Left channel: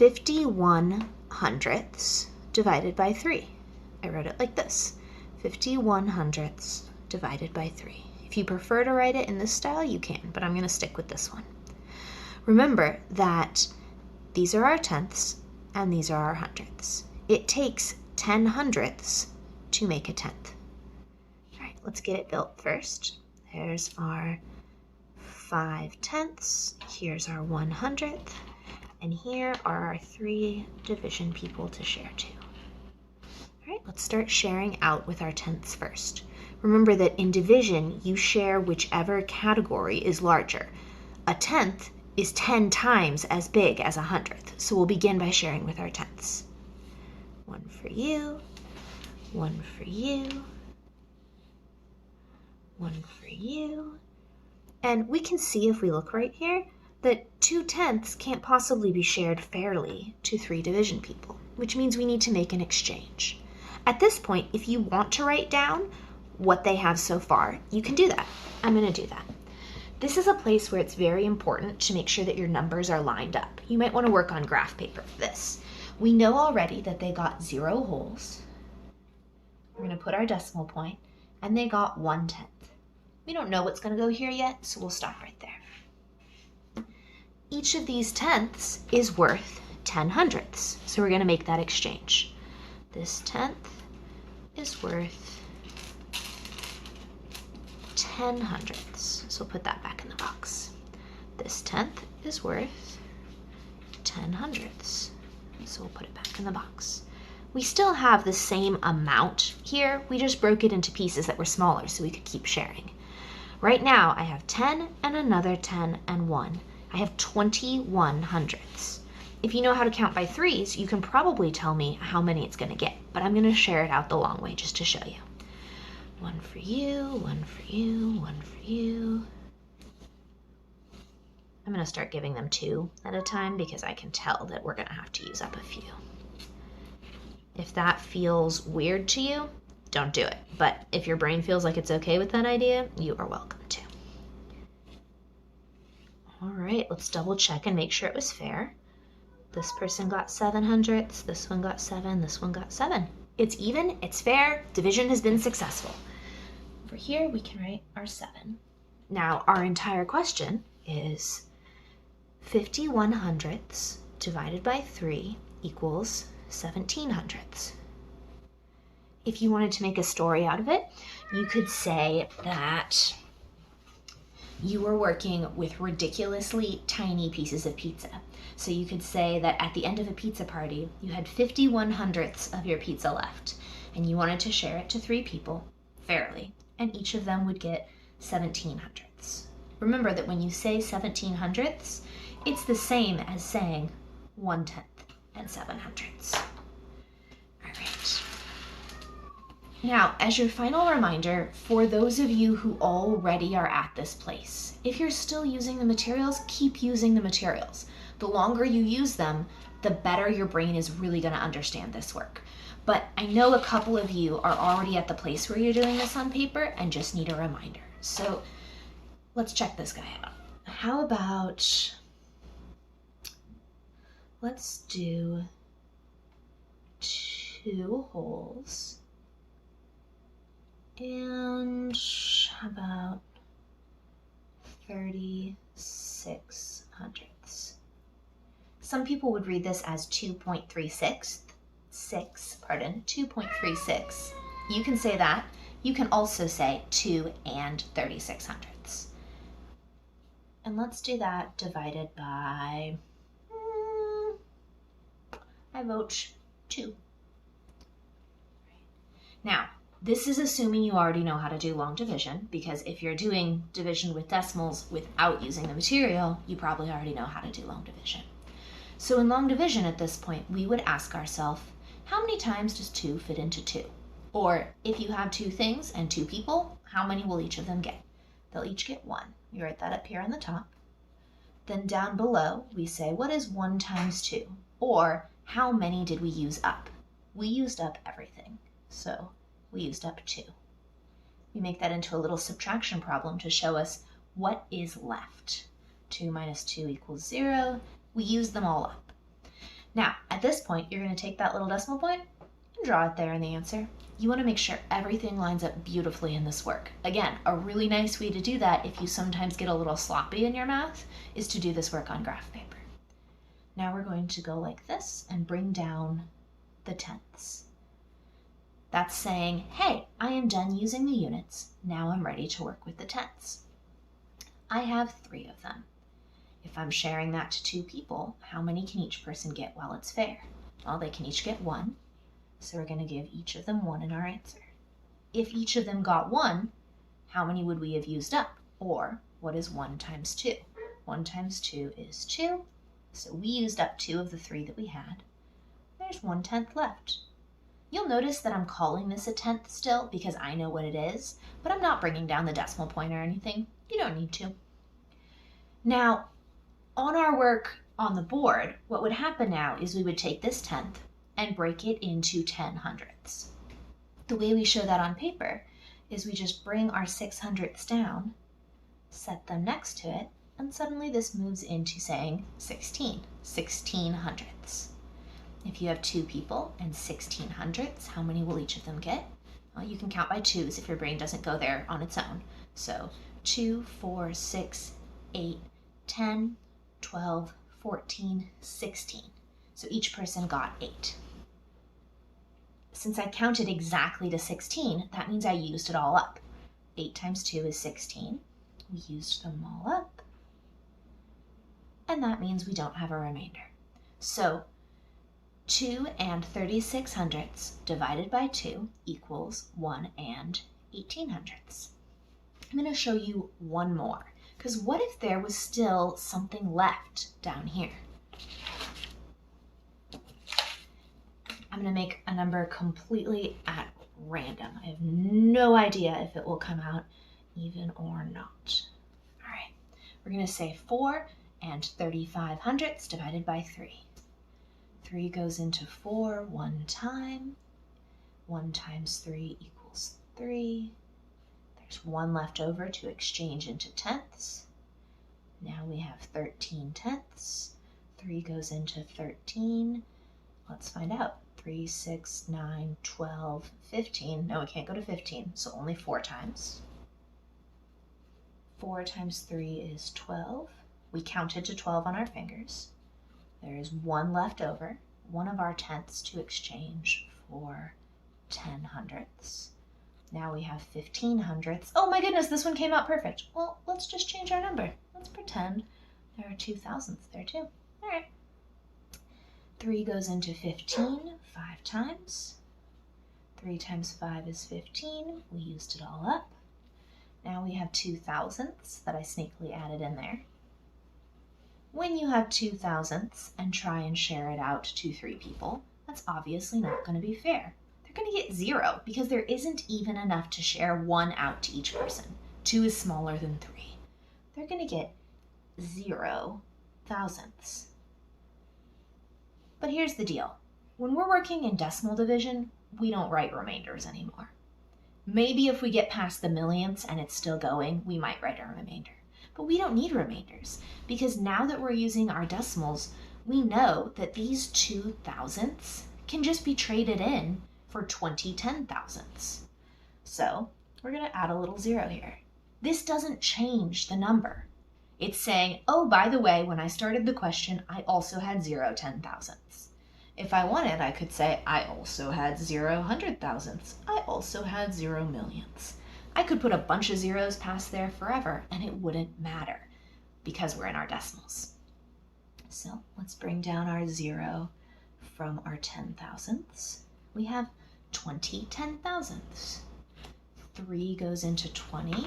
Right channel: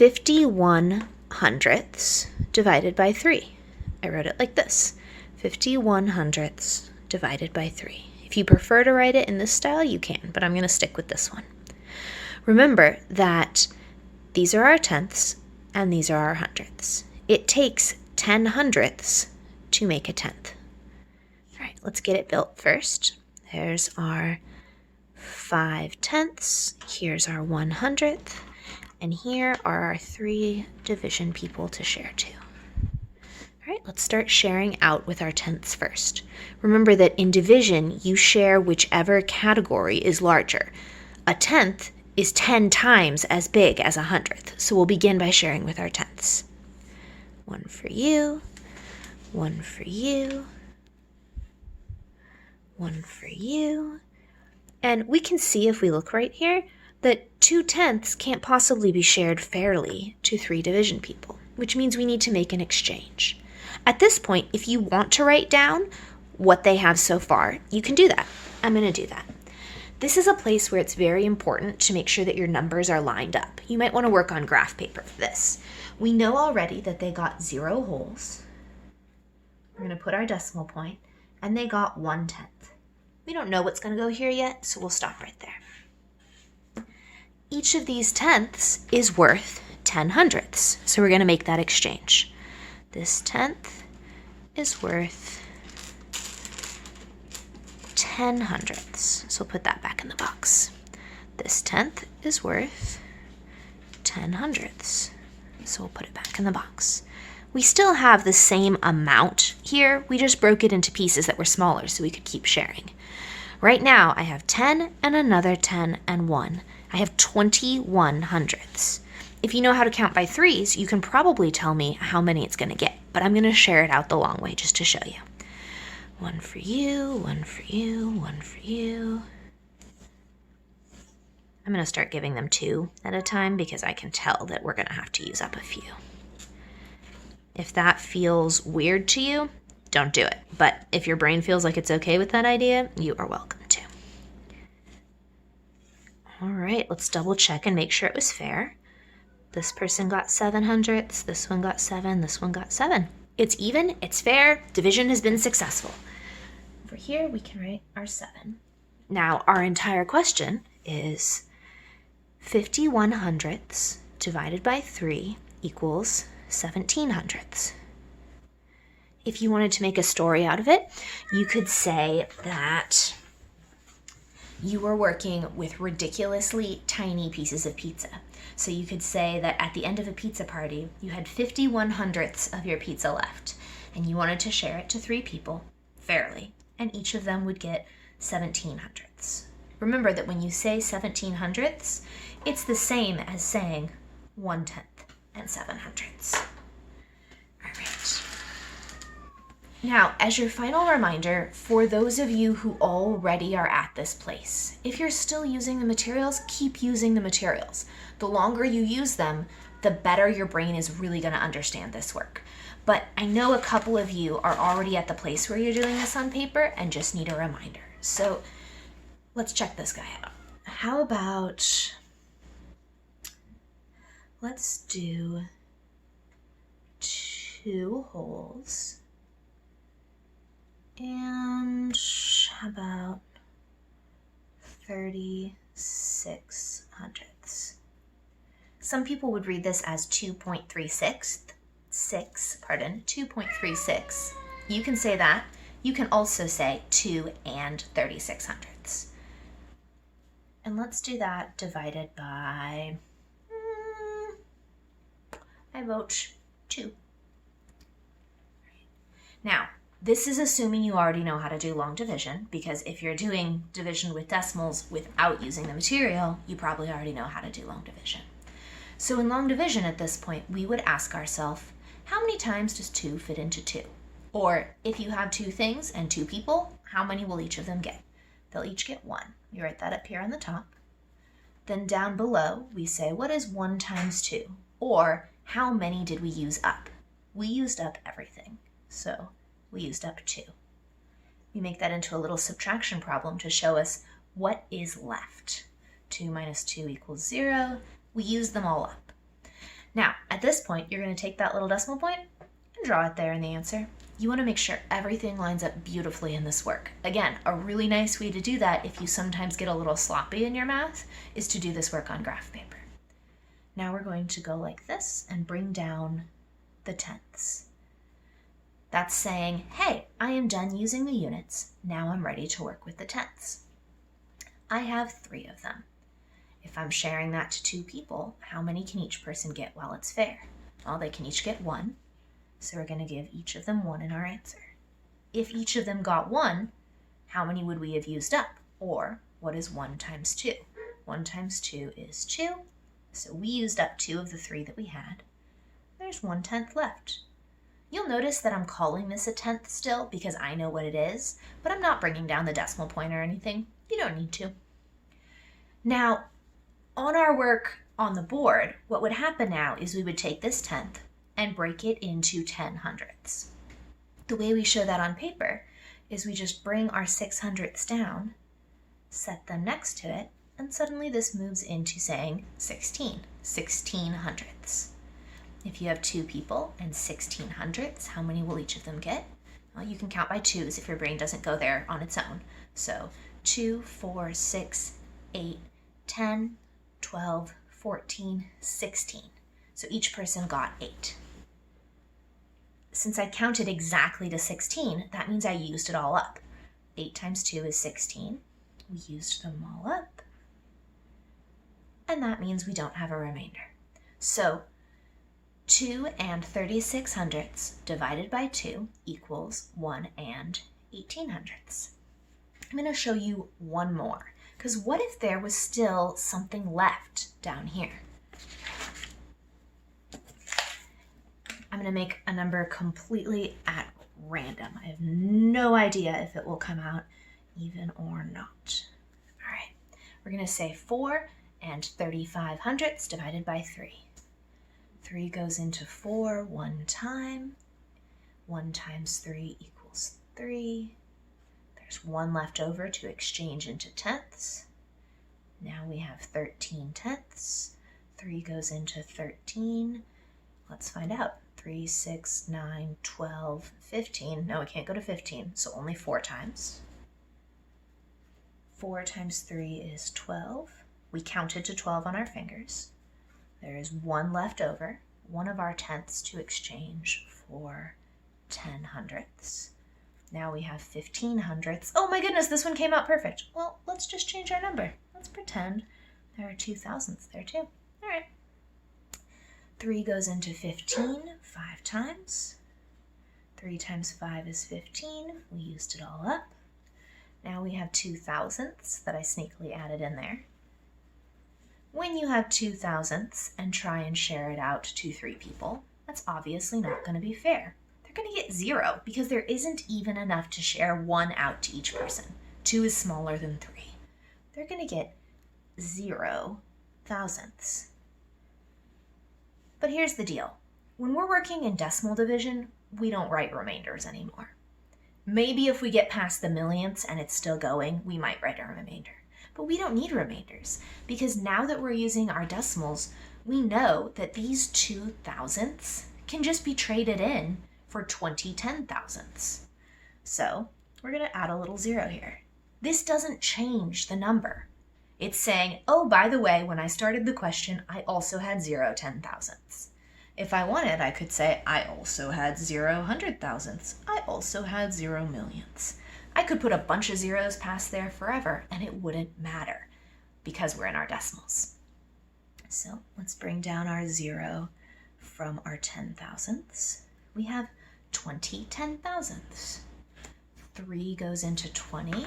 51 hundredths divided by 3. I wrote it like this, 51 hundredths divided by 3. If you prefer to write it in this style, you can, but I'm going to stick with this one. Remember that these are our tenths and these are our hundredths. It takes 10 hundredths to make a tenth. All right, let's get it built first. There's our 5 tenths. Here's our 100th. And here are our 3 division people to share to. All right, let's start sharing out with our tenths first. Remember that in division, you share whichever category is larger. A tenth is 10 times as big as a hundredth, so we'll begin by sharing with our tenths. 1 for you, 1 for you, 1 for you. And we can see if we look right here that 2 tenths can't possibly be shared fairly to 3 division people, which means we need to make an exchange. At this point, if you want to write down what they have so far, you can do that. I'm going to do that. This is a place where it's very important to make sure that your numbers are lined up. You might want to work on graph paper for this. We know already that they got 0 wholes. We're going to put our decimal point, and they got 1/10. We don't know what's going to go here yet, so we'll stop right there. Each of these tenths is worth 10 hundredths, so we're going to make that exchange. This tenth is worth 10 hundredths, so we'll put that back in the box. This tenth is worth 10 hundredths, so we'll put it back in the box. We still have the same amount here, we just broke it into pieces that were smaller so we could keep sharing. Right now I have 10 and another 10 and 1. I have 21 hundredths. If you know how to count by threes, you can probably tell me how many it's going to get, but I'm going to share it out the long way just to show you. 1 for you, 1 for you, 1 for you. I'm going to start giving them 2 at a time because I can tell that we're going to have to use up a few. If that feels weird to you, don't do it. But if your brain feels like it's okay with that idea, you are welcome to. All right, let's double check and make sure it was fair. This person got 7 hundredths, this one got 7, this one got 7. It's even, it's fair, division has been successful. Over here, we can write our 7. Now, our entire question is 51 hundredths divided by 3 equals 17 hundredths. If you wanted to make a story out of it, you could say that you were working with ridiculously tiny pieces of pizza. So you could say that at the end of a pizza party, you had 51 hundredths of your pizza left, and you wanted to share it to 3 people fairly, and each of them would get 17 hundredths. Remember that when you say 17 hundredths, it's the same as saying 1/10 and 7 hundredths. All right. Now, as your final reminder, for those of you who already are at this place, if you're still using the materials, keep using the materials. The longer you use them, the better your brain is really going to understand this work. But I know a couple of you are already at the place where you're doing this on paper and just need a reminder. So let's check this guy out. How about, let's do 2 wholes. And how about 36 hundredths? Some people would read this as 2.36. You can say that. You can also say 2 and 36 hundredths. And let's do that divided by, I vote 2. Now, this is assuming you already know how to do long division, because if you're doing division with decimals without using the material, you probably already know how to do long division. So in long division at this point, we would ask ourselves, how many times does 2 fit into 2? Or if you have 2 things and 2 people, how many will each of them get? They'll each get 1. You write that up here on the top. Then down below, we say, what is 1 times 2? Or how many did we use up? We used up everything. So we used up 2. We make that into a little subtraction problem to show us what is left. 2 minus 2 equals 0. We use them all up. Now, at this point, you're going to take that little decimal point and draw it there in the answer. You want to make sure everything lines up beautifully in this work. Again, a really nice way to do that if you sometimes get a little sloppy in your math is to do this work on graph paper. Now we're going to go like this and bring down the tenths. That's saying, hey, I am done using the units. Now I'm ready to work with the tenths. I have 3 of them. If I'm sharing that to 2 people, how many can each person get while it's fair? Well, they can each get 1. So we're going to give each of them 1 in our answer. If each of them got 1, how many would we have used up? Or what is 1 times 2? 1 times 2 is 2. So we used up 2 of the 3 that we had. There's 1/10 left. You'll notice that I'm calling this a tenth still because I know what it is, but I'm not bringing down the decimal point or anything. You don't need to. Now, on our work on the board, what would happen now is we would take this tenth and break it into 10 hundredths. The way we show that on paper is we just bring our 600ths down, set them next to it, and suddenly this moves into saying 16 hundredths. If you have 2 people and 16 hundredths, how many will each of them get? Well, you can count by 2s if your brain doesn't go there on its own. So 2, 4, 6, 8, 10, 12, 14, 16. So each person got 8. Since I counted exactly to 16, that means I used it all up. 8 times 2 is 16. We used them all up. And that means we don't have a remainder. So 2 and 36 hundredths divided by 2 equals 1 and 18 hundredths. I'm going to show you one more, because what if there was still something left down here? I'm going to make a number completely at random. I have no idea if it will come out even or not. All right, we're going to say 4 and 35 hundredths divided by 3. 3 goes into 4 one time. 1 times 3 equals 3. There's 1 left over to exchange into tenths. Now we have 13 tenths. 3 goes into 13. Let's find out. 3, 6, 9, 12, 15. No, it can't go to 15, so only 4 times. 4 times 3 is 12. We counted to 12 on our fingers. There is 1 left over, 1 of our tenths to exchange for 10 hundredths. Now we have 15 hundredths. Oh my goodness, this one came out perfect. Well, let's just change our number. Let's pretend there are 2 thousandths there too. All right. 3 goes into 15 5 times. 3 times 5 is 15. We used it all up. Now we have 2 thousandths that I sneakily added in there. When you have 2 thousandths and try and share it out to 3 people, that's obviously not going to be fair. They're going to get 0 because there isn't even enough to share 1 out to each person. 2 is smaller than 3. They're going to get 0 thousandths. But here's the deal. When we're working in decimal division, we don't write remainders anymore. Maybe if we get past the millionths and it's still going, we might write a remainder. But we don't need remainders because now that we're using our decimals, we know that these 2 thousandths can just be traded in for 20 10 thousandths. So we're going to add a little 0 here. This doesn't change the number. It's saying, oh, by the way, when I started the question, I also had 0 10 thousandths. If I wanted, I could say I also had 0 100 thousandths. I also had 0 millionths. I could put a bunch of zeros past there forever and it wouldn't matter because we're in our decimals. So let's bring down our 0 from our 10 thousandths. We have 20 10 thousandths. 3 goes into 20.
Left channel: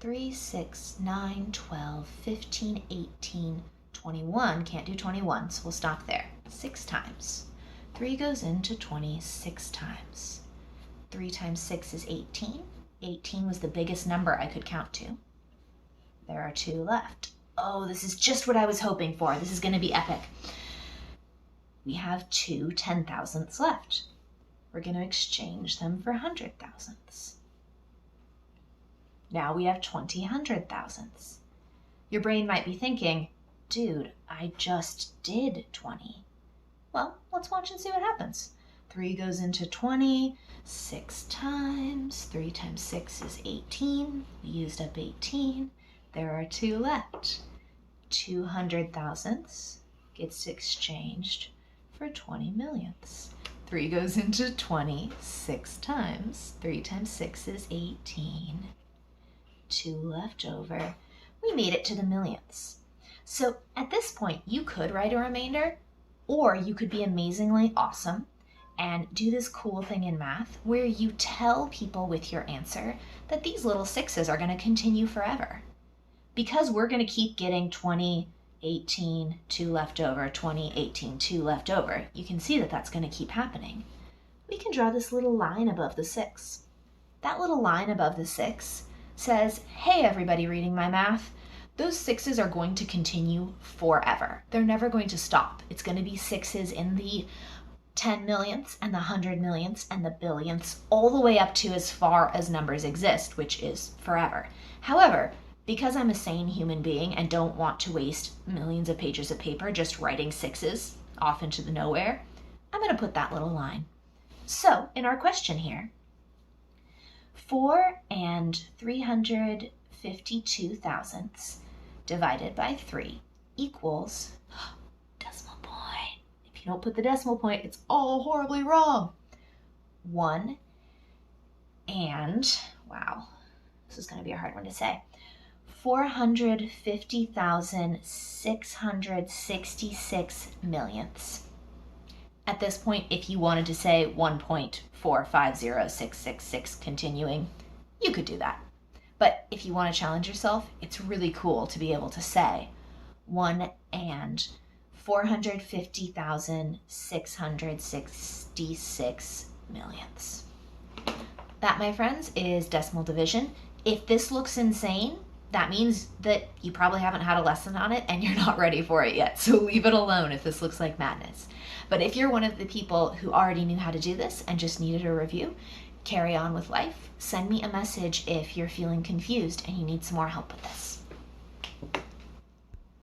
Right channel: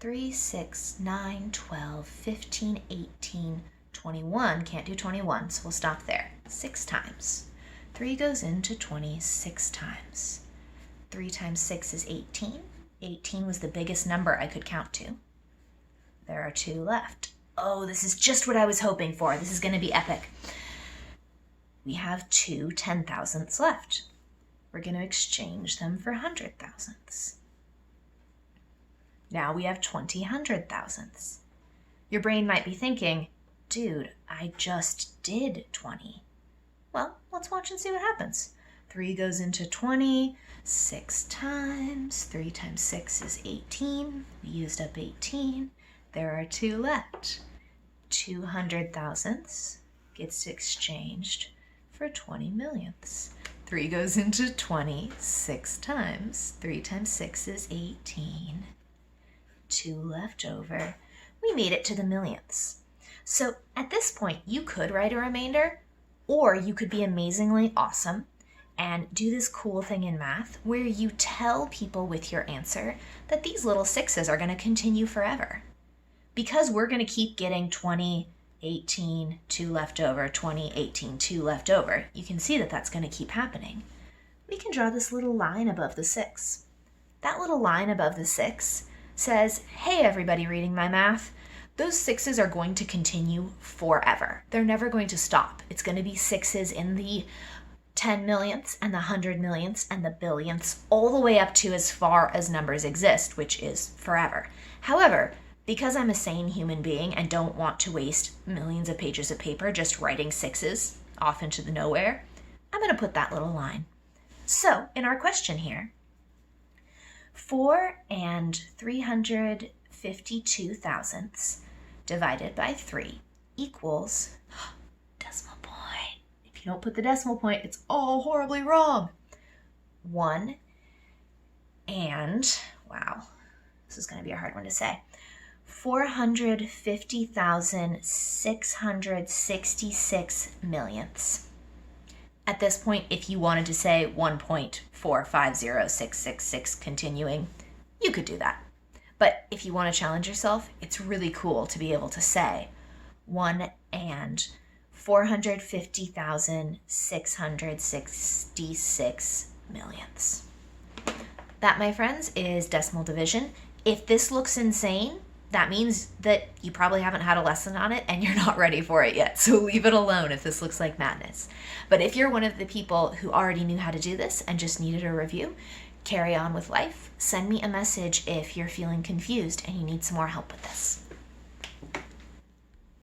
3, 6, 9, 12, 15, 18, 21. Can't do 21, so we'll stop there. 6 times. 3 goes into 20 6 times. 3 times 6 is 18. 18 was the biggest number I could count to. There are 2 left. Oh, this is just what I was hoping for. This is going to be epic. We have 2 10 thousandths left. We're going to exchange them for 100 thousandths. Now we have 20 100 thousandths. Your brain might be thinking, dude, I just did 20. Well, let's watch and see what happens. 3 goes into 20, 6 times. 3 times 6 is 18. We used up 18. There are 2 left. 200 thousandths gets exchanged for 20 millionths. 3 goes into 20, 6 times. 3 times 6 is 18. 2 left over. We made it to the millionths. So at this point, you could write a remainder, or you could be amazingly awesome and do this cool thing in math where you tell people with your answer that these little 6s are going to continue forever. Because we're going to keep getting 20, 18, 2 left over, 20, 18, 2 left over. You can see that that's going to keep happening. We can draw this little line above the 6. That little line above the 6 says, hey, everybody reading my math, those 6s are going to continue forever. They're never going to stop. It's going to be 6s in the 10 millionths and the 100 millionths and the billionths, all the way up to as far as numbers exist, which is forever. However, because I'm a sane human being and don't want to waste millions of pages of paper just writing 6s off into the nowhere, I'm going to put that little line. So in our question here, 4 and 352 thousandths divided by 3 equals decimal point. If you don't put the decimal point, it's all horribly wrong. 1 and, wow, this is going to be a hard one to say, 450,666 millionths. At this point, if you wanted to say 1.450666 continuing, you could do that. But if you want to challenge yourself, it's really cool to be able to say 1 and 450,666 millionths. That, my friends, is decimal division. If this looks insane, that means that you probably haven't had a lesson on it and you're not ready for it yet. So leave it alone if this looks like madness. But if you're one of the people who already knew how to do this and just needed a review, carry on with life. Send me a message if you're feeling confused and you need some more help with this.